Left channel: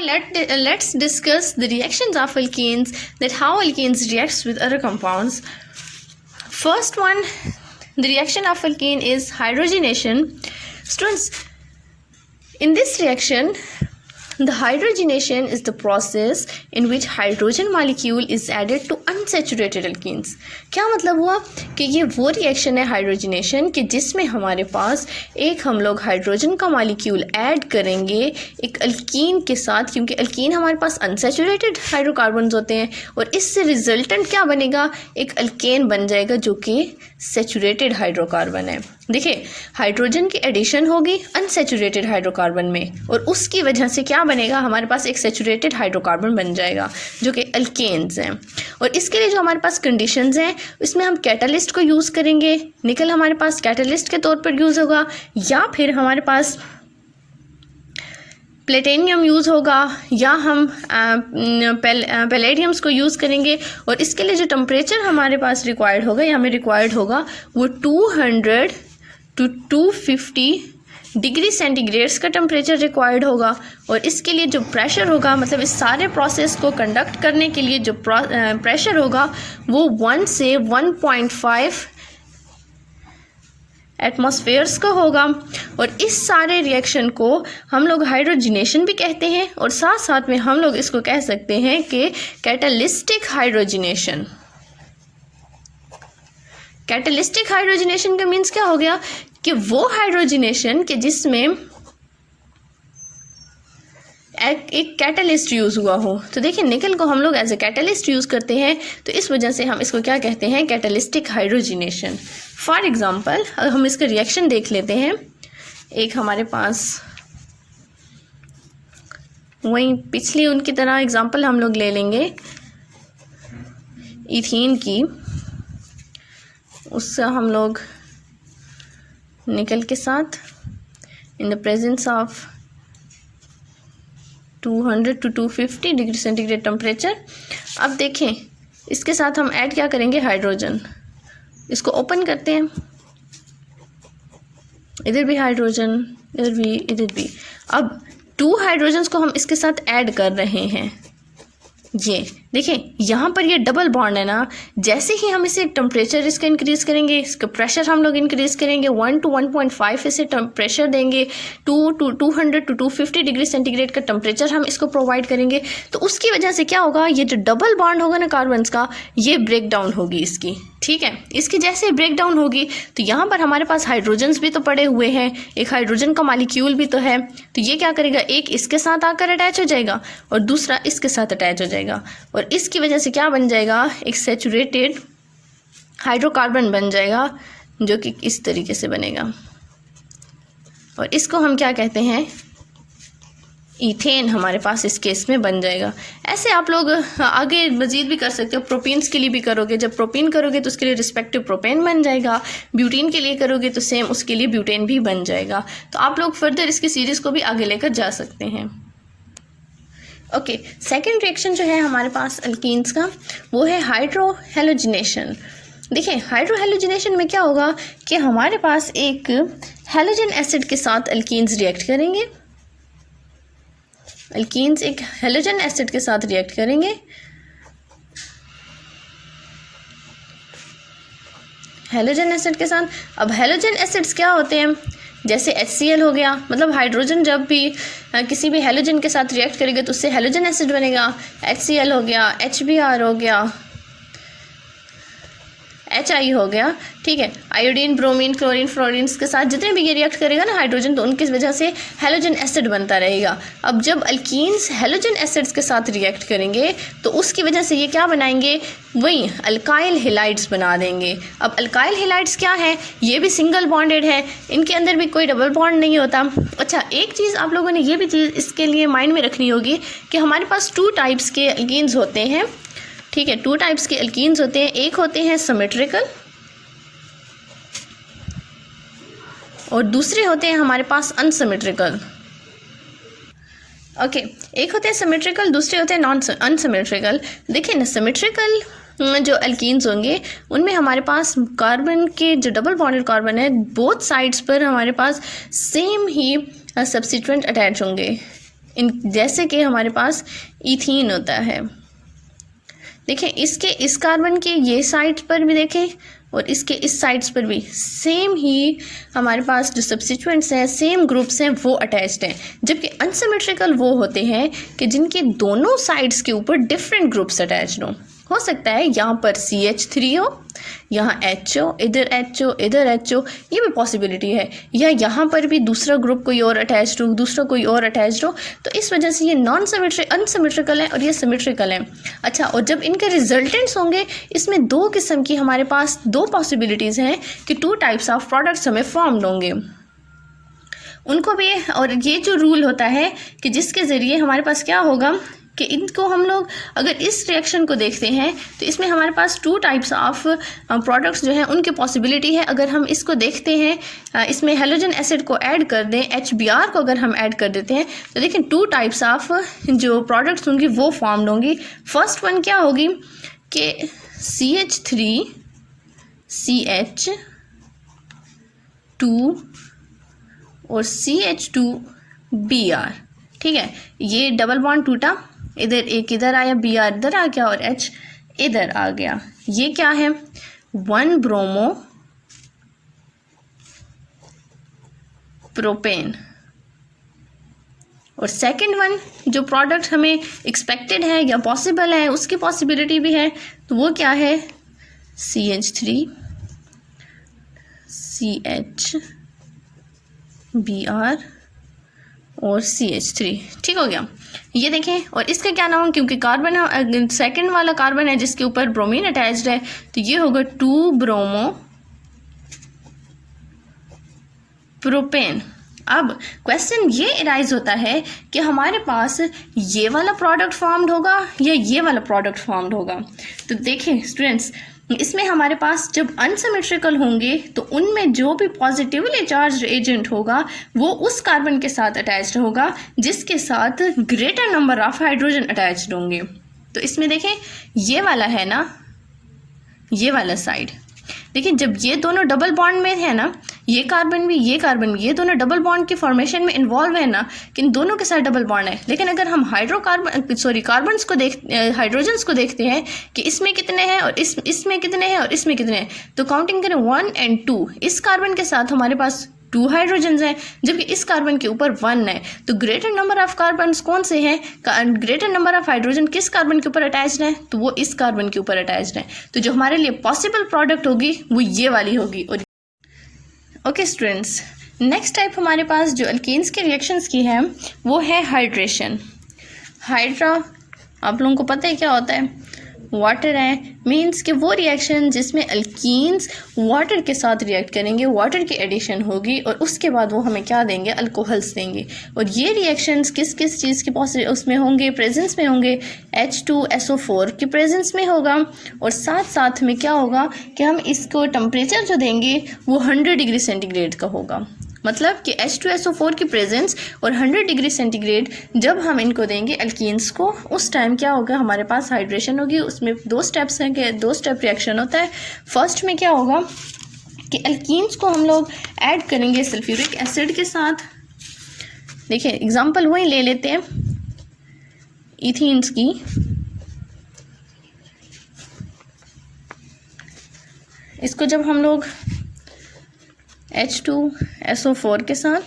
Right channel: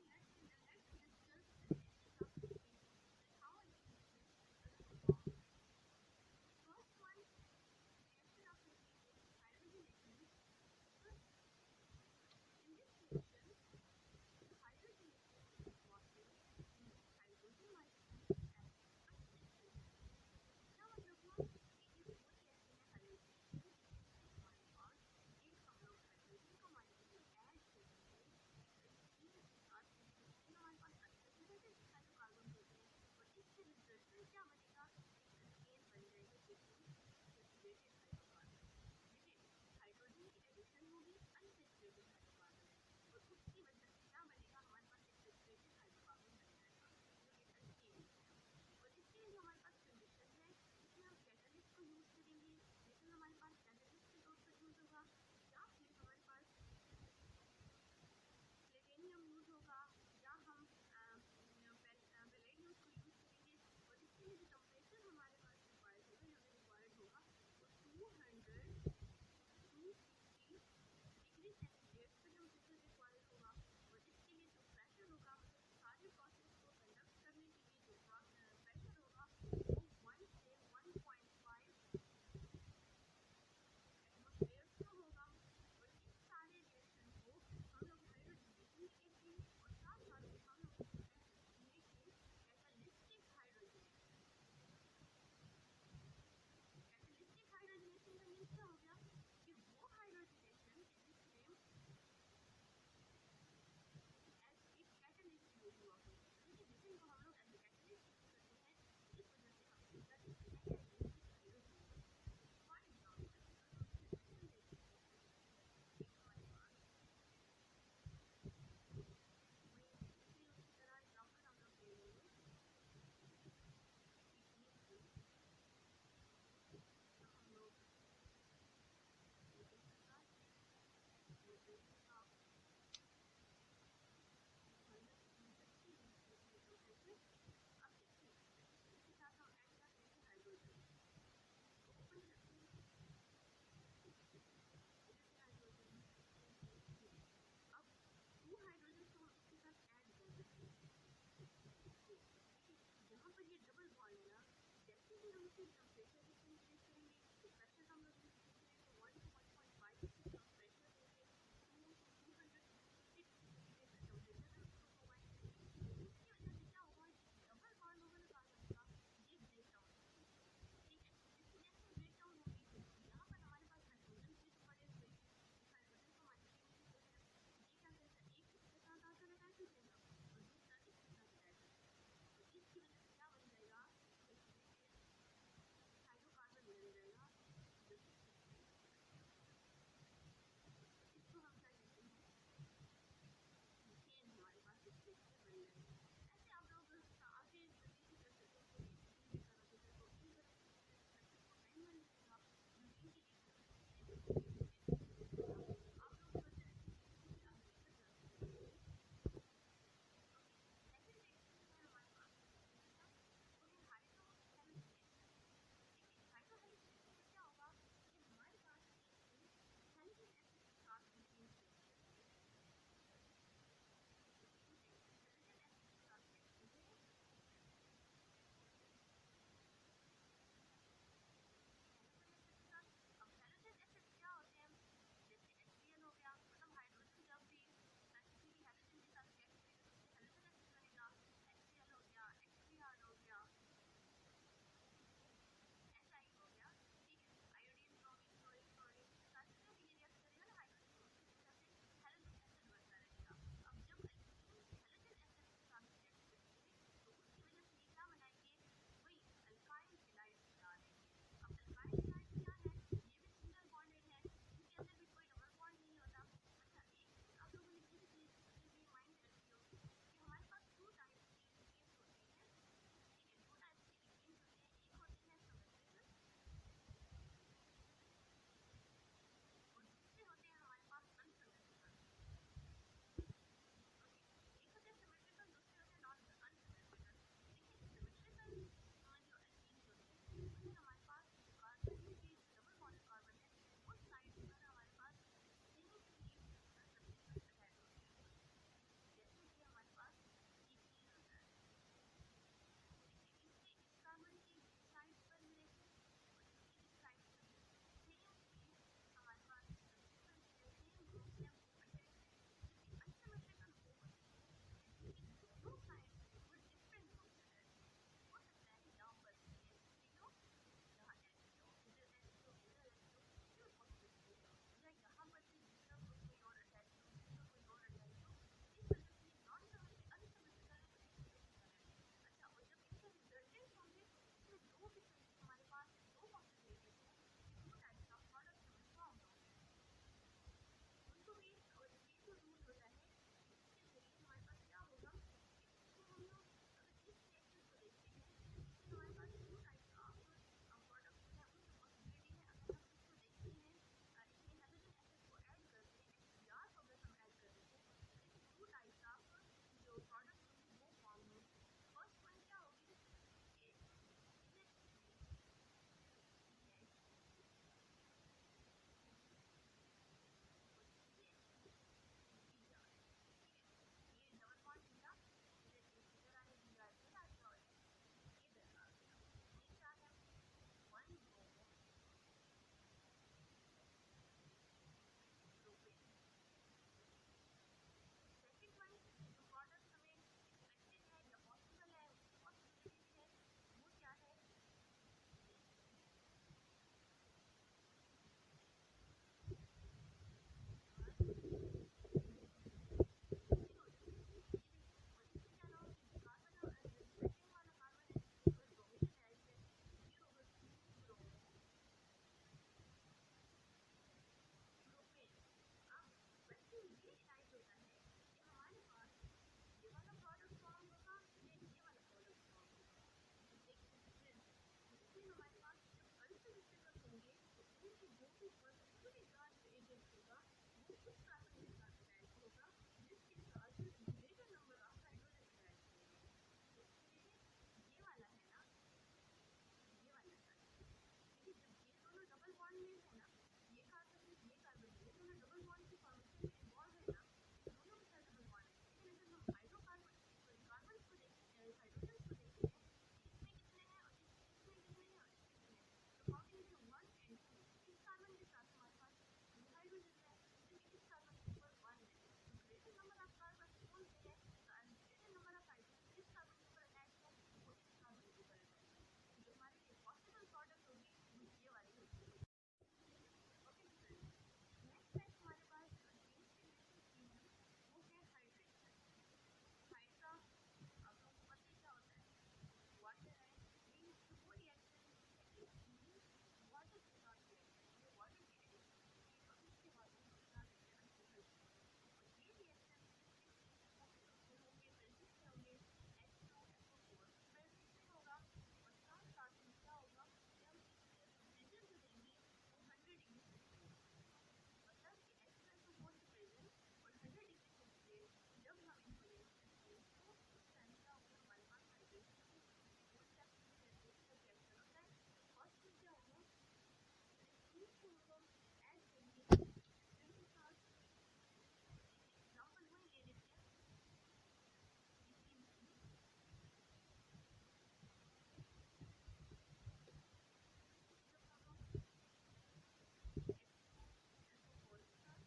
let's discuss the reactions of alkenes, that how alkenes reacts with other compounds. First one, the reaction of alkene is hydrogenation. Students, in this reaction, the hydrogenation is the process in which hydrogen molecule is added to unsaturated alkenes. क्या मतलब हुआ कि ये वो reaction है hydrogenation कि जिसमें हमारे पास एक हम लोग हाइड्रोजन का मॉलिक्यूल ऐड करेंगे एक अल्कीन के साथ, क्योंकि अल्कीन हमारे पास अनसैचुरेटेड हाइड्रोकार्बन्स होते हैं और इससे रिजल्टेंट क्या बनेगा, एक अल्केन बन जाएगा जो कि सैचुरेटेड हाइड्रोकार्बन है। देखिए, हाइड्रोजन की एडिशन होगी अनसैचुरेटेड हाइड्रोकार्बन में और उसकी वजह से क्या बनेगा, हमारे पास एक सैचुरेटेड हाइड्रोकार्बन बन जाएगा जो कि अल्केन्स हैं। और इसके लिए जो हमारे पास कंडीशंस हैं इसमें हम कैटालिस्ट को यूज़ करेंगे। निकल हमारे पास कैटालिस्ट के तौर पर यूज़ होगा या फिर हमारे पास प्लेटिनियम यूज़ होगा या हम पैलेडियम्स को यूज़ करेंगे। और इसके लिए जो टेम्परेचर हमारे पास रिक्वायर्ड होगा या हमें रिक्वायर्ड होगा वो 200 to 250 डिग्री सेंटीग्रेड्स का टेम्परेचर रिक्वायर्ड होगा। और इसके लिए जो प्रेशर होगा, मतलब इस सारे प्रोसेस को कंडक्ट करने के लिए जो प्रेशर होगा वो 1 से 1.5 एटमॉस्फेयर्स का होगा। और इस सारे रिएक्शन को हम लोग हाइड्रोजनेशन भी कहते हैं और साथ साथ में हम लोग इसको कह सकते हैं कि कैटालिस्टिक हाइड्रोजनेशन। कैटालिस्टिक हाइड्रोजनेशन का मीन्स क्या हो गया कि वो हाइड्रोजनेशन कि जिसमें एक कैटालिस्ट यूज़ हुआ हो। तो देखिए, निकल को हम लोग एज ए कैटालिस्ट यूज़ करते हैं, तो इस वजह से हम इसको क्या कहते हैं, कैटालिस्टिक हाइड्रोजनेशन। फॉर एग्ज़ाम्पल हम इसका रिएक्शन देख लेते हैं। एक हमारे पास वही पिछली उनकी तरह एग्ज़ाम्पल हम लोग ले लेंगे इथीन की। उससे हम लोग निकल के साथ in the presence of 200 to 250 degree centigrade temperature. अब देखें, इसके साथ हम ऐड क्या करेंगे, हाइड्रोजन। इसको ओपन करते हैं, इधर भी हाइड्रोजन, इधर भी। अब 2 हाइड्रोजन्स को हम इसके साथ ऐड कर रहे हैं। ये देखें, यहाँ पर ये डबल बॉन्ड है ना। जैसे ही हम इसे टेम्परेचर इसका इंक्रीज़ करेंगे, इसका प्रेशर हम लोग इंक्रीज़ करेंगे, 1 to 1.5 इसे प्रेशर देंगे, 200 to 250 डिग्री सेंटीग्रेड का टेम्परेचर हम इसको प्रोवाइड करेंगे। तो उसकी वजह से क्या होगा, ये जो डबल बॉन्ड होगा ना कार्बन्स का, ये ब्रेक डाउन होगी इसकी। ठीक है, इसकी जैसे ब्रेक डाउन होगी तो यहाँ पर हमारे पास हाइड्रोजन्स भी तो पड़े हुए हैं, एक हाइड्रोजन का मॉलिक्यूल भी तो है। तो ये क्या करेगा, एक इसके साथ आकर अटैच हो जाएगा और दूसरा इसके साथ अटैच हो जाएगा और इसकी वजह से क्या बन जाएगा, एक सैचुरेटेड हाइड्रोकार्बन बन जाएगा जो कि इस तरीके से बनेगा। और इसको हम क्या कहते हैं, ईथेन हमारे पास इस केस में बन जाएगा। ऐसे आप लोग आगे मज़ीद भी कर सकते हो। प्रोपीन्स के लिए भी करोगे, जब प्रोपीन करोगे तो उसके लिए रिस्पेक्टिव प्रोपेन बन जाएगा। ब्यूटीन के लिए करोगे तो सेम उसके लिए ब्यूटेन भी बन जाएगा। तो आप लोग फर्दर इसकी सीरीज़ को भी आगे लेकर जा सकते हैं। ओके, सेकेंड रिएक्शन जो है हमारे पास अल्कीन्स का वो है हाइड्रोहेलोजिनेशन। देखिए, हाइड्रोहेलोजिनेशन में क्या होगा कि हमारे पास एक हेलोजन एसिड के साथ अल्कीन्स रिएक्ट करेंगे। अल्कीन्स एक हेलोजन एसिड के साथ रिएक्ट करेंगे। हेलोजन एसिड के साथ, अब हेलोजन एसिड्स क्या होते हैं, जैसे HCl हो गया, मतलब हाइड्रोजन जब भी किसी भी हेलोजन के साथ रिएक्ट करेगा तो उससे हेलोजन एसिड बनेगा। HCl हो गया, HBr हो गया, HI हो गया। ठीक है, आयोडीन, ब्रोमीन, क्लोरीन, फ्लोरीन के साथ जितने भी ये रिएक्ट करेगा ना हाइड्रोजन, तो उनकी वजह से हेलोजन एसिड बनता रहेगा। अब जब अल्कीन्स हेलोजन एसिड्स के साथ रिएक्ट करेंगे तो उसकी वजह से ये क्या बनाएंगे, वही अल्काइल हेलाइड्स बना देंगे। अब अल्काइल हेलाइड्स क्या है, ये भी सिंगल बॉन्डेड है, इनके अंदर भी कोई डबल बॉन्ड नहीं होता। अच्छा, एक चीज़ आप लोगों ने ये भी चीज़ इसके लिए माइंड में रखनी होगी कि हमारे पास 2 टाइप्स के अल्कीन्स होते हैं। ठीक है, 2 टाइप्स के अल्कीन्स होते हैं। एक होते हैं सिमेट्रिकल और दूसरे होते हैं हमारे पास अनसिमेट्रिकल। ओके, एक होते हैं सिमेट्रिकल, दूसरे होते हैं अनसिमेट्रिकल। देखिए ना, सिमेट्रिकल जो अल्कीन्स होंगे उनमें हमारे पास कार्बन के जो डबल बॉन्डेड कार्बन है, बोथ साइड्स पर हमारे पास सेम ही सब्स्टिट्यूएंट अटैच होंगे। इन जैसे कि हमारे पास इथीन होता है। देखें इसके इस कार्बन के ये साइड पर भी देखें और इसके इस साइड्स पर भी सेम ही हमारे पास जो सब्स्टिट्यूएंट्स हैं, सेम ग्रुप्स हैं, वो अटैच्ड हैं। जबकि अनसिमेट्रिकल वो होते हैं कि जिनके दोनों साइड्स के ऊपर डिफरेंट ग्रुप्स अटैच्ड हों। हो सकता है यहाँ पर CH3 हो, यहाँ HO, इधर HO, इधर HO, ये भी पॉसिबिलिटी है। या यहाँ पर भी दूसरा ग्रुप कोई और अटैच्ड हो, दूसरा कोई और अटैच्ड हो। तो इस वजह से ये अनसिमेट्रिकल है और ये सिमेट्रिकल है। अच्छा, और जब इनके रिजल्टेंट्स होंगे, इसमें दो किस्म की हमारे पास दो पॉसिबिलिटीज़ हैं कि 2 टाइप्स ऑफ प्रोडक्ट्स हमें फॉर्म्ड होंगे उनको भी। और ये जो रूल होता है कि जिसके ज़रिए हमारे पास क्या होगा कि इनको हम लोग अगर इस रिएक्शन को देखते हैं तो इसमें हमारे पास 2 टाइप्स ऑफ प्रोडक्ट्स जो हैं उनकी पॉसिबिलिटी है। अगर हम इसको देखते हैं, इसमें हेलोजन एसिड को ऐड कर दें, HBr को अगर हम ऐड कर देते हैं तो देखें 2 टाइप्स ऑफ जो प्रोडक्ट्स होंगी वो फॉर्म्ड होंगी। फर्स्ट वन क्या होगी कि CH3 CH2 और CH2Br, ठीक है। ये डबल बॉन्ड टूटा, इधर एक इधर आया, Br इधर आ गया और H इधर आ गया। ये क्या है 1 ब्रोमो प्रोपेन। और सेकंड वन जो प्रोडक्ट हमें एक्सपेक्टेड है या पॉसिबल है, उसकी पॉसिबिलिटी भी है, तो वो क्या है CH3 CHBr और CH3, ठीक हो गया। ये देखें, और इसका क्या नाम है, क्योंकि कार्बन सेकंड वाला कार्बन है जिसके ऊपर ब्रोमीन अटैच्ड है, तो ये होगा 2 ब्रोमो प्रोपेन। अब क्वेश्चन ये अराइज होता है कि हमारे पास ये वाला प्रोडक्ट फॉर्म्ड होगा या ये वाला प्रोडक्ट फॉर्म्ड होगा। तो देखें स्टूडेंट्स, इसमें हमारे पास जब अनसिमेट्रिकल होंगे तो उनमें जो भी पॉजिटिवली चार्ज एजेंट होगा वो उस कार्बन के साथ अटैच्ड होगा जिसके साथ greater number of hydrogen attached होंगे। तो इसमें देखें ये वाला है ना, ये वाला साइड, देखिए जब ये दोनों डबल बॉन्ड में है ना, ये कार्बन भी ये कार्बन भी, ये दोनों डबल बॉन्ड के फॉर्मेशन में इन्वॉल्व है ना, कि इन दोनों के साथ डबल बॉन्ड है। लेकिन अगर हम कार्बन्स को हाइड्रोजन्स को देखते हैं कि इसमें कितने हैं और इसमें कितने हैं और इसमें कितने हैं, तो काउंटिंग करें 1 और 2, इस कार्बन के साथ हमारे पास 2 हाइड्रोजन्स हैं, जबकि इस कार्बन के ऊपर 1 है। तो ग्रेटर नंबर ऑफ कार्बन्स कौन से हैं, ग्रेटर नंबर ऑफ हाइड्रोजन किस कार्बन के ऊपर अटैच्ड है, तो वो इस कार्बन के ऊपर अटैच्ड है। तो जो हमारे लिए पॉसिबल प्रोडक्ट होगी वो ये वाली होगी। और ओके स्टूडेंट्स, नेक्स्ट टाइप हमारे पास जो अल्कीन्स के रिएक्शंस की है वो है हाइड्रेशन। हाइड्रा आप लोगों को पता है क्या होता है, वाटर है, मीन्स कि वो रिएक्शन जिसमें अल्कीन्स वाटर के साथ रिएक्ट करेंगे, वाटर की एडिशन होगी और उसके बाद वो हमें क्या देंगे, अल्कोहल्स देंगे। और ये रिएक्शंस किस किस चीज़ के उसमें होंगे, प्रेजेंस में होंगे, H2SO4 की प्रेजेंस में होगा। और साथ साथ में क्या होगा कि हम इसको टेम्परेचर जो देंगे वो 100 डिग्री सेंटीग्रेड का होगा। मतलब कि H2SO4 की प्रेजेंस और 100 डिग्री सेंटीग्रेड जब हम इनको देंगे अल्कीन्स को, उस टाइम क्या होगा, हमारे पास हाइड्रेशन होगी। उसमें 2 स्टेप्स हैं कि 2 स्टेप रिएक्शन होता है। फर्स्ट में क्या होगा कि अल्कीन्स को हम लोग ऐड करेंगे सल्फ्यूरिक एसिड के साथ। देखिए एग्जांपल वही ले लेते हैं इथीन्स की। इसको जब हम लोग H2SO4 के साथ,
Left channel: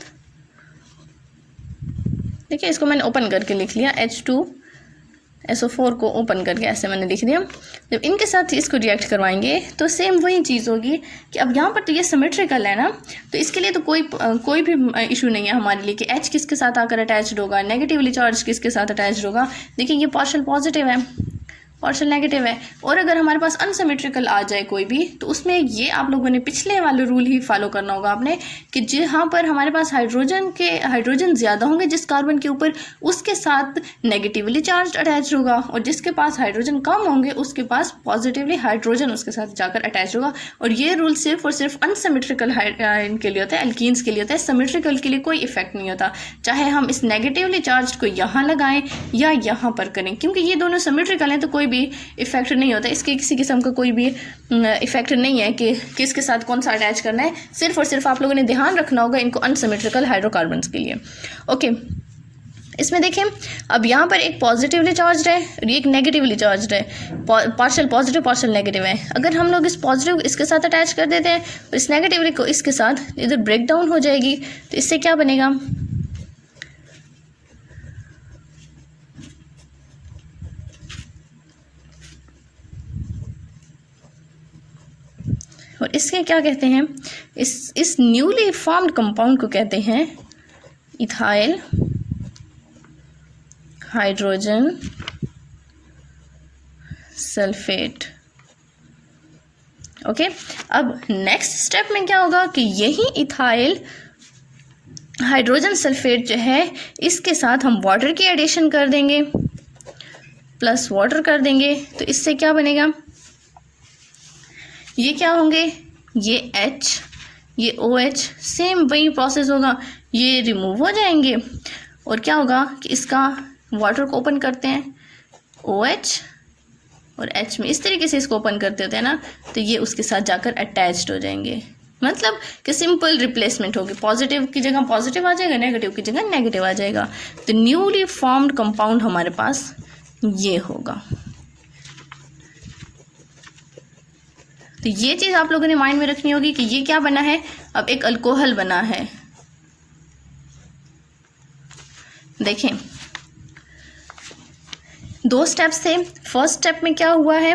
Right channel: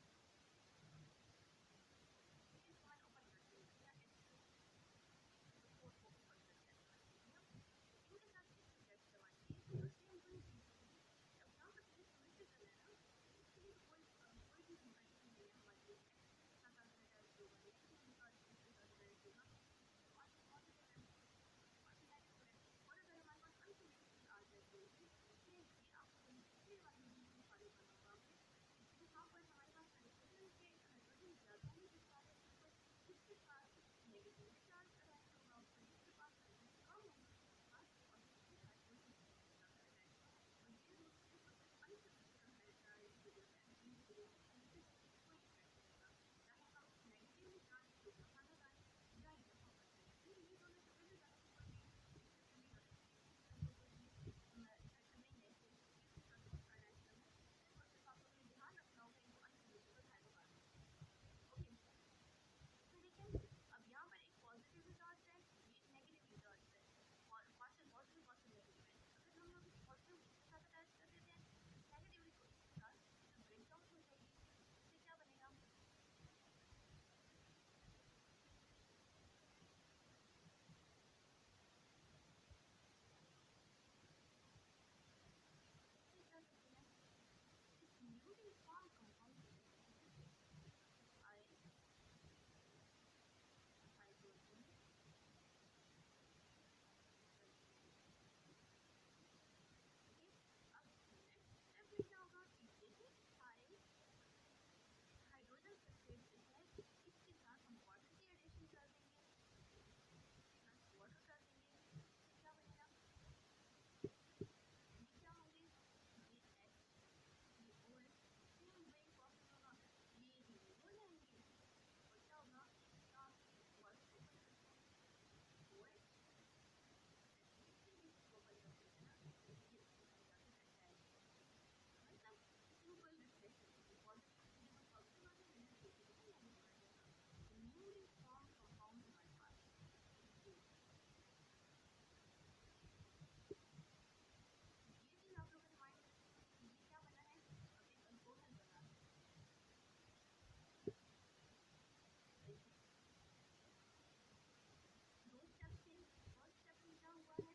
देखिए इसको मैंने ओपन करके लिख लिया, H2SO4 को ओपन करके ऐसे मैंने लिख दिया। जब इनके साथ इसको रिएक्ट करवाएंगे तो सेम वही चीज़ होगी कि अब यहाँ पर तो ये सिमेट्रिकल है ना, तो इसके लिए तो कोई भी इशू नहीं है हमारे लिए कि H किसके साथ आकर अटैच्ड होगा, नेगेटिवली चार्ज किसके साथ अटैच्ड होगा। देखिए ये पार्शियल पॉजिटिव है, पार्शियल नेगेटिव है। और अगर हमारे पास अनसिमेट्रिकल आ जाए कोई भी, तो उसमें ये आप लोगों ने पिछले वाले रूल ही फॉलो करना होगा आपने कि जहाँ पर हमारे पास हाइड्रोजन ज़्यादा होंगे जिस कार्बन के ऊपर, उसके साथ नेगेटिवली चार्ज अटैच होगा, और जिसके पास हाइड्रोजन कम होंगे उसके पास पॉजिटिवली हाइड्रोजन उसके साथ जाकर अटैच होगा। और ये रूल सिर्फ और सिर्फ अनसिमेट्रिकल इनके लिए होता है, एल्कीन्स के लिए होता है। सिमेट्रिकल के लिए कोई इफेक्ट नहीं होता, चाहे हम इस नेगेटिवली चार्ज को यहाँ लगाएं या यहाँ पर करें, क्योंकि ये दोनों सिमेट्रिकल हैं तो कोई भी इफेक्ट नहीं होता। इसके किसी किस्म का कोई भी इफेक्ट नहीं है कि किसके साथ कौन सा अटैच करना है। सिर्फ और सिर्फ आप लोगों ने ध्यान रखना होगा इनको अनसिमेट्रिकल हाइड्रोकार्बन्स के लिए। ओके, इसमें देखें अब यहाँ पर एक पॉजिटिवली चार्ज है और एक नेगेटिवली चार्ज है, पार्शियल पॉजिटिव पार्शियल नेगेटिव है। अगर हम लोग इस पॉजिटिव इसके साथ अटैच कर देते हैं और इस नेगेटिवली को इसके साथ, इधर ब्रेक डाउन हो जाएगी। तो इससे क्या बनेगा, और इसके क्या कहते हैं, इस न्यूली फॉर्म्ड कंपाउंड को कहते हैं इथाइल हाइड्रोजन सल्फेट। ओके, अब नेक्स्ट स्टेप में क्या होगा कि यही इथाइल हाइड्रोजन सल्फेट जो है इसके साथ हम वाटर की एडिशन कर देंगे, प्लस वाटर कर देंगे। तो इससे क्या बनेगा, ये क्या होंगे, ये H, ये OH, सेम वही प्रोसेस होगा, ये रिमूव हो जाएंगे और क्या होगा कि इसका वाटर को ओपन करते हैं, OH और H में इस तरीके से इसको ओपन करते होते हैं ना, तो ये उसके साथ जाकर अटैच्ड हो जाएंगे। मतलब कि सिंपल रिप्लेसमेंट होगी, पॉजिटिव की जगह पॉजिटिव आ जाएगा, नेगेटिव की जगह नेगेटिव आ जाएगा। तो न्यूली फॉर्म्ड कंपाउंड हमारे पास ये होगा। तो ये चीज़ आप लोगों ने माइंड में रखनी होगी कि ये क्या बना है, अब एक अल्कोहल बना है। देखें 2 स्टेप्स थे। फर्स्ट स्टेप में क्या हुआ है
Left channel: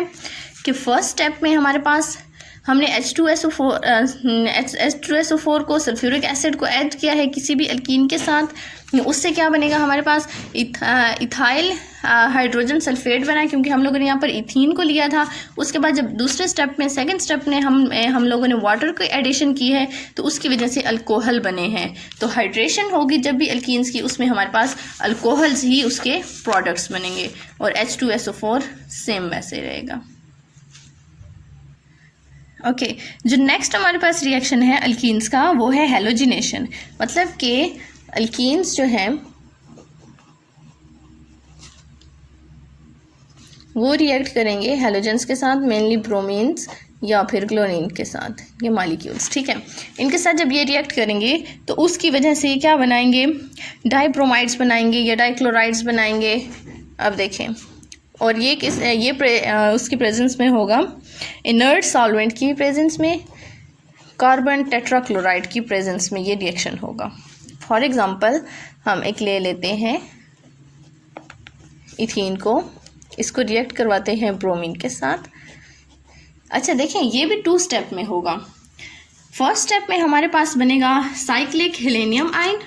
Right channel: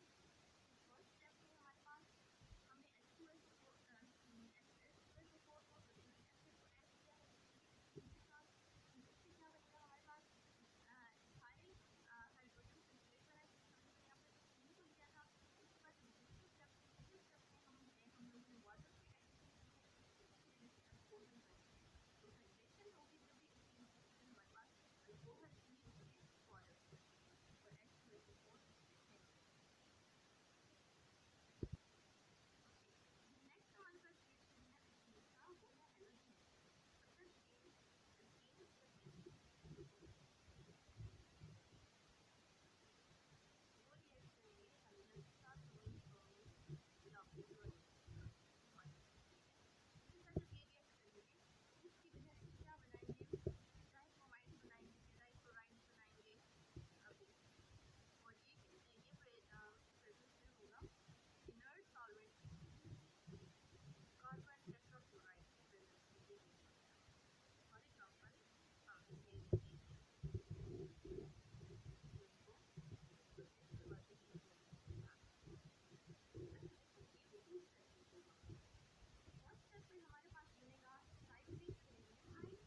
कि फर्स्ट स्टेप में हमारे पास हमने H2SO4 को, सल्फ्यूरिक एसिड को ऐड किया है किसी भी अल्कीन के साथ। उससे क्या बनेगा, हमारे पास इथाइल हाइड्रोजन सल्फेट बना, क्योंकि हम लोगों ने यहाँ पर इथीन को लिया था। उसके बाद जब दूसरे स्टेप में, सेकंड स्टेप में हम लोगों ने वाटर की एडिशन की है, तो उसकी वजह से अल्कोहल बने हैं। तो हाइड्रेशन होगी जब भी अल्कीन्स की, उसमें हमारे पास अल्कोहल्स ही उसके प्रोडक्ट्स बनेंगे, और H2SO4 सेम वैसे रहेगा। ओके, जो नेक्स्ट हमारे पास रिएक्शन है अल्कीन्स का, वो है हेलोजिनेशन। मतलब कि अल्कीन्स जो हैं वो रिएक्ट करेंगे हेलोजेंस के साथ, मेनली ब्रोमीन्स या फिर क्लोरीन के साथ, ये मॉलिक्यूल्स, ठीक है। इनके साथ जब ये रिएक्ट करेंगे तो उसकी वजह से क्या बनाएंगे, डाइब्रोमाइड्स बनाएंगे या डाइक्लोराइड्स बनाएंगे। अब देखें, और ये उसकी प्रेजेंस में होगा, इनर्ट सॉल्वेंट की प्रेजेंस में, कार्बन टेट्राक्लोराइड की प्रेजेंस में ये रिएक्शन होगा। फॉर एग्जांपल हम एक ले लेते हैं इथीन को, इसको रिएक्ट करवाते हैं ब्रोमीन के साथ। अच्छा देखें, ये भी 2 स्टेप में होगा। फर्स्ट स्टेप में हमारे पास बनेगा साइक्लिक हेलेनियम आयन,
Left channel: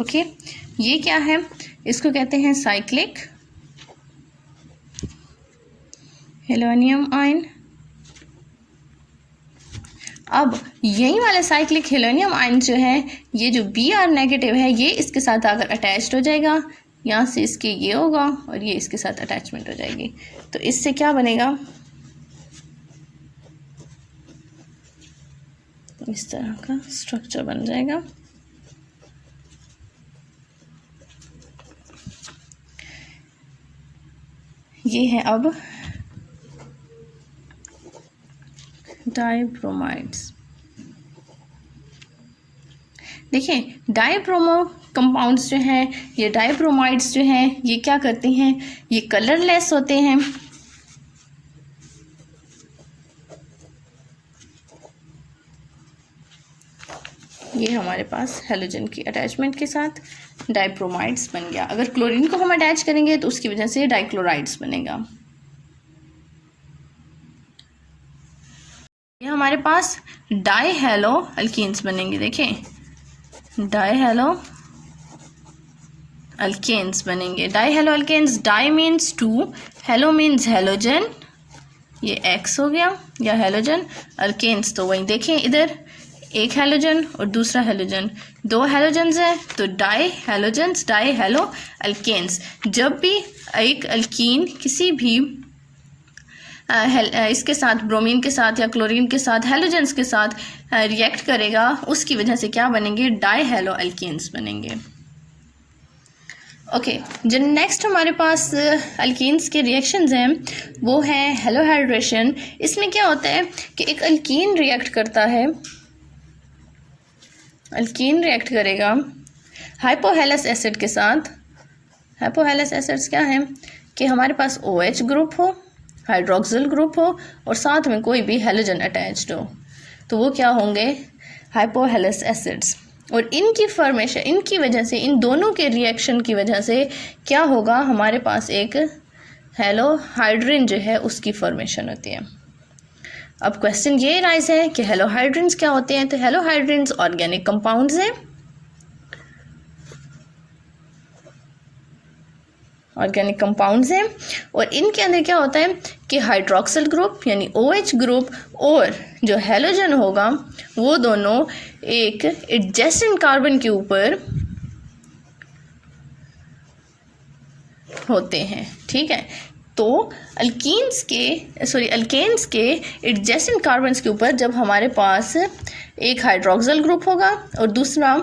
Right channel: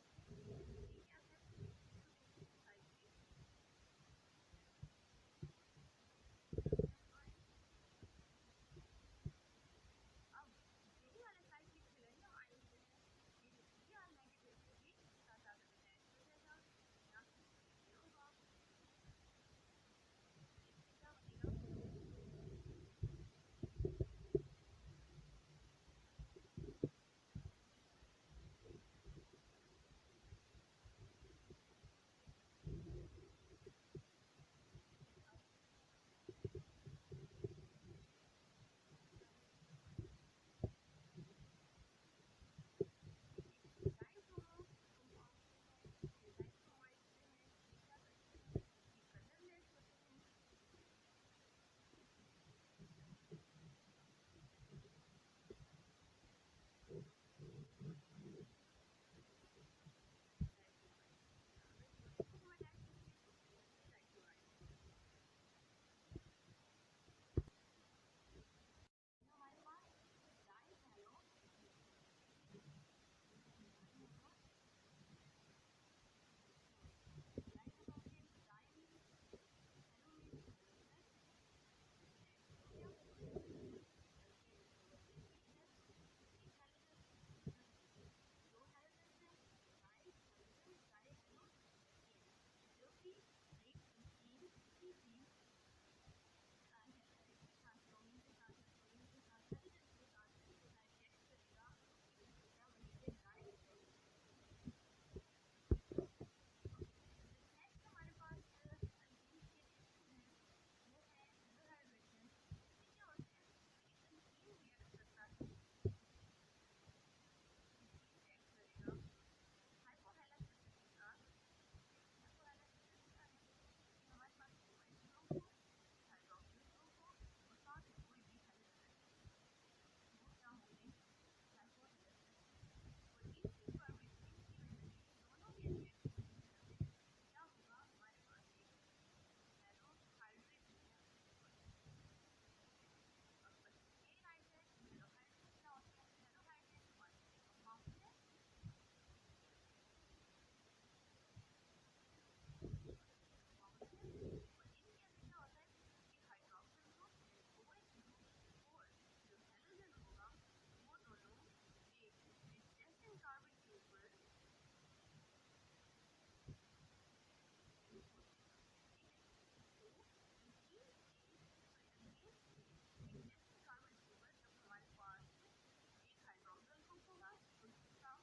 ओके। ये क्या है, इसको कहते हैं साइक्लिक हेलोनियम आयन। अब यही वाला साइक्लिक हेलोनियम आयन जो है, ये जो Br नेगेटिव है, ये इसके साथ आकर अटैच्ड हो जाएगा, यहाँ से इसके ये होगा और ये इसके साथ अटैचमेंट हो जाएगी। तो इससे क्या बनेगा, इस तरह का स्ट्रक्चर बन जाएगा। ये है अब डाइब्रोमाइड्स। देखिए डाइब्रोमो कंपाउंड्स जो हैं, ये डाइब्रोमाइड्स जो हैं, ये क्या करते हैं, ये कलरलेस होते हैं। ये हमारे पास हेलोजन की अटैचमेंट के साथ डाइब्रोमाइड्स बन गया। अगर क्लोरीन को हम अटैच करेंगे तो उसकी वजह से डाइक्लोराइड्स बनेगा। ये हमारे पास डाइहेलो अल्कीन्स बनेंगे। देखें डाइहेलो अल्केन्स बनेंगे। Dihalo alkanes, di means 2, halo means halogen, ये X हो गया या हेलोजन, अल्केन्स तो वही देखें इधर एक हैलोजन और दूसरा हैलोजन, दो हैलोजन्स हैं तो di halogens, di halo alkanes. जब भी एक अल्कीन किसी भी इसके साथ, ब्रोमीन के साथ या क्लोरीन के साथ, हैलोजन्स के साथ रिएक्ट करेगा, उसकी वजह से क्या बनेंगे, डाई हैलो अल्केन्स बनेंगे। ओके, जो नेक्स्ट हमारे पास अल्कीन्स के रिएक्शंस हैं वो है हेलोहाइड्रेशन। इसमें क्या होता है कि एक अल्कीन रिएक्ट करता है, अल्कीन रिएक्ट करेगा हाइपोहेलस एसिड के साथ। हाइपोहेलस एसिड्स क्या है कि हमारे पास OH ग्रुप हो, हाइड्रोक्सिल ग्रुप हो और साथ में कोई भी हैलोजन अटैच्ड हो, तो वो क्या होंगे, हाइपोहेलस एसिड्स। और इनकी फॉर्मेशन, इनकी वजह से, इन दोनों के रिएक्शन की वजह से क्या होगा, हमारे पास एक हेलोहाइड्रिन जो है उसकी फॉर्मेशन होती है। अब क्वेश्चन ये राइज है कि हेलोहाइड्रिन्स क्या होते हैं। तो हेलोहाइड्रिन्स ऑर्गेनिक कंपाउंड्स हैं, ऑर्गेनिक कंपाउंड्स हैं और इनके अंदर क्या होता है कि हाइड्रोक्सिल ग्रुप यानी OH ग्रुप और जो हैलोजन होगा वो दोनों एक एडजेसेंट कार्बन के ऊपर होते हैं, ठीक है। तो अल्केन्स के एडजेसेंट कार्बन्स के ऊपर जब हमारे पास एक हाइड्रोक्सिल ग्रुप होगा और दूसरा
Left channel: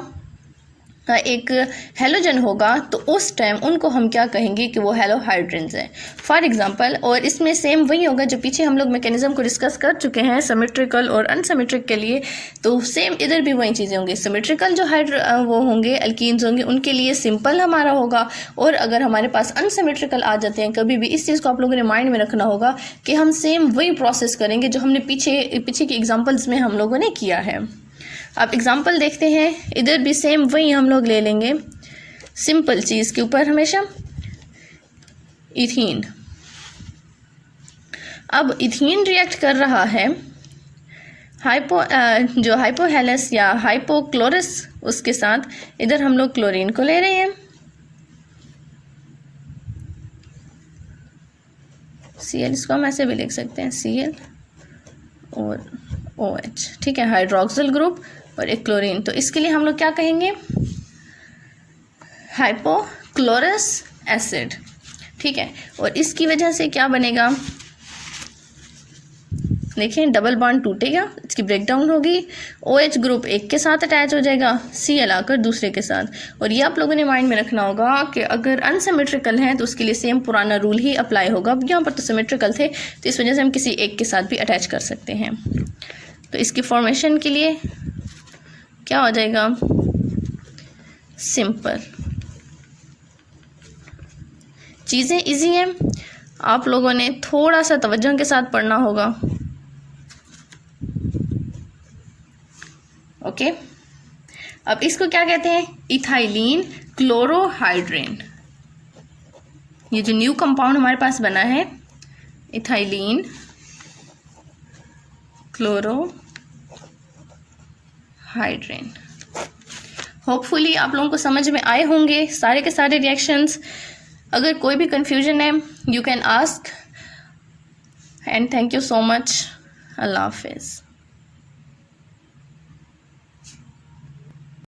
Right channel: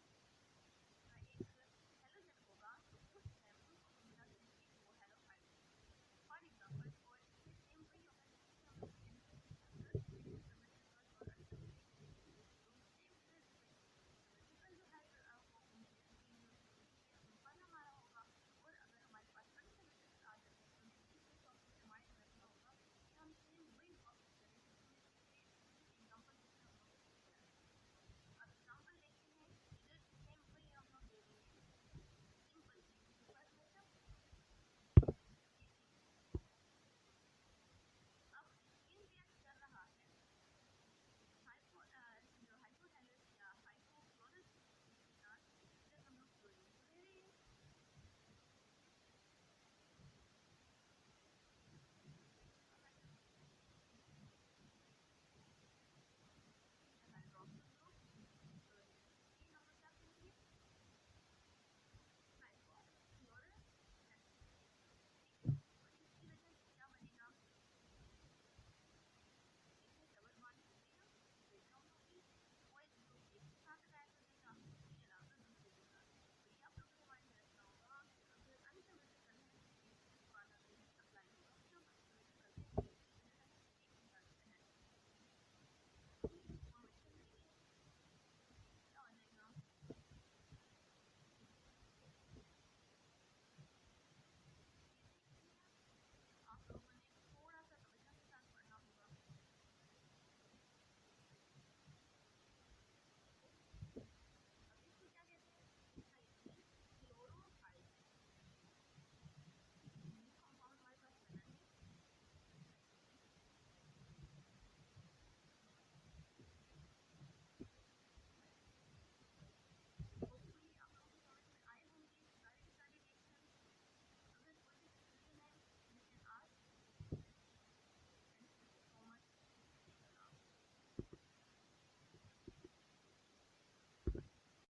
एक हैलोजन होगा तो उस टाइम उनको हम क्या कहेंगे कि वो हेलोहाइड्रिन्स हैं, फॉर एग्जांपल। और इसमें सेम वही होगा जो पीछे हम लोग मैकेनिज्म को डिस्कस कर चुके हैं सिमेट्रिकल और अनसिमेट्रिक के लिए, तो सेम इधर भी वही चीज़ें होंगी। सिमेट्रिकल जो वो होंगे अल्कीन्स होंगे उनके लिए सिंपल हमारा होगा, और अगर हमारे पास अनसिमेट्रिकल आ जाते हैं कभी भी, इस चीज़ को आप लोगों ने माइंड में रखना होगा कि हम सेम वही प्रोसेस करेंगे जो हमने पीछे की एग्जाम्पल्स में हम लोगों ने किया है। अब एग्जाम्पल देखते हैं, इधर भी सेम वही हम लोग ले लेंगे सिंपल चीज़ के ऊपर हमेशा, इथीन। अब इथीन रिएक्ट कर रहा है जो हाइपोहेलस या हाइपोक्लोरस उसके साथ। इधर हम लोग क्लोरीन को ले रहे हैं, Cl, इसको हम ऐसे भी लिख सकते हैं Cl और OH, ठीक है, हाइड्रोक्सिल ग्रुप और एक क्लोरीन। तो इसके लिए हम लोग क्या कहेंगे, हाइपोक्लोरस एसिड, ठीक है। और इसकी वजह से क्या बनेगा, देखें डबल बॉन्ड टूटेगा, इसकी ब्रेकडाउन होगी, OH ग्रुप एक के साथ अटैच हो जाएगा, Cl आकर दूसरे के साथ। और ये आप लोगों ने माइंड में रखना होगा कि अगर अनसिमेट्रिकल हैं तो उसके लिए सेम पुराना रूल ही अप्लाई होगा। यहाँ पर तो सिमेट्रिकल थे तो इस वजह से हम किसी एक के साथ भी अटैच कर सकते हैं। तो इसकी फॉर्मेशन के लिए क्या हो जाएगा, सिंपल। चीज़ें इजी हैं, आप लोगों ने थोड़ा सा तवज्जो के साथ पढ़ना होगा। ओके, अब इसको क्या कहते हैं, इथाइलिन क्लोरोहाइड्रेन। ये जो न्यू कंपाउंड हमारे पास बना है इथाइलिन क्लोरोहाइड्रेन। होपफुली आप लोगों को समझ में आए होंगे सारे के सारे रिएक्शंस। अगर कोई भी कंफ्यूजन है you can ask, and thank you so much. अल्लाह हाफिज़।